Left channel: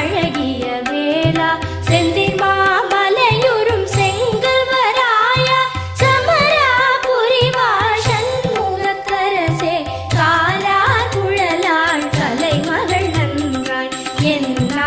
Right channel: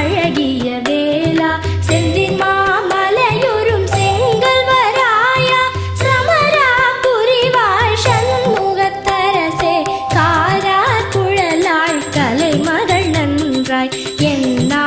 அழகிய வேளா செந்தின் மாமலையுறும் செங்கல்வராயா சமராபுரி வாஷன் முகத்தரசே காரார் குழலார் கலைமகள் நன்றாய் என்னா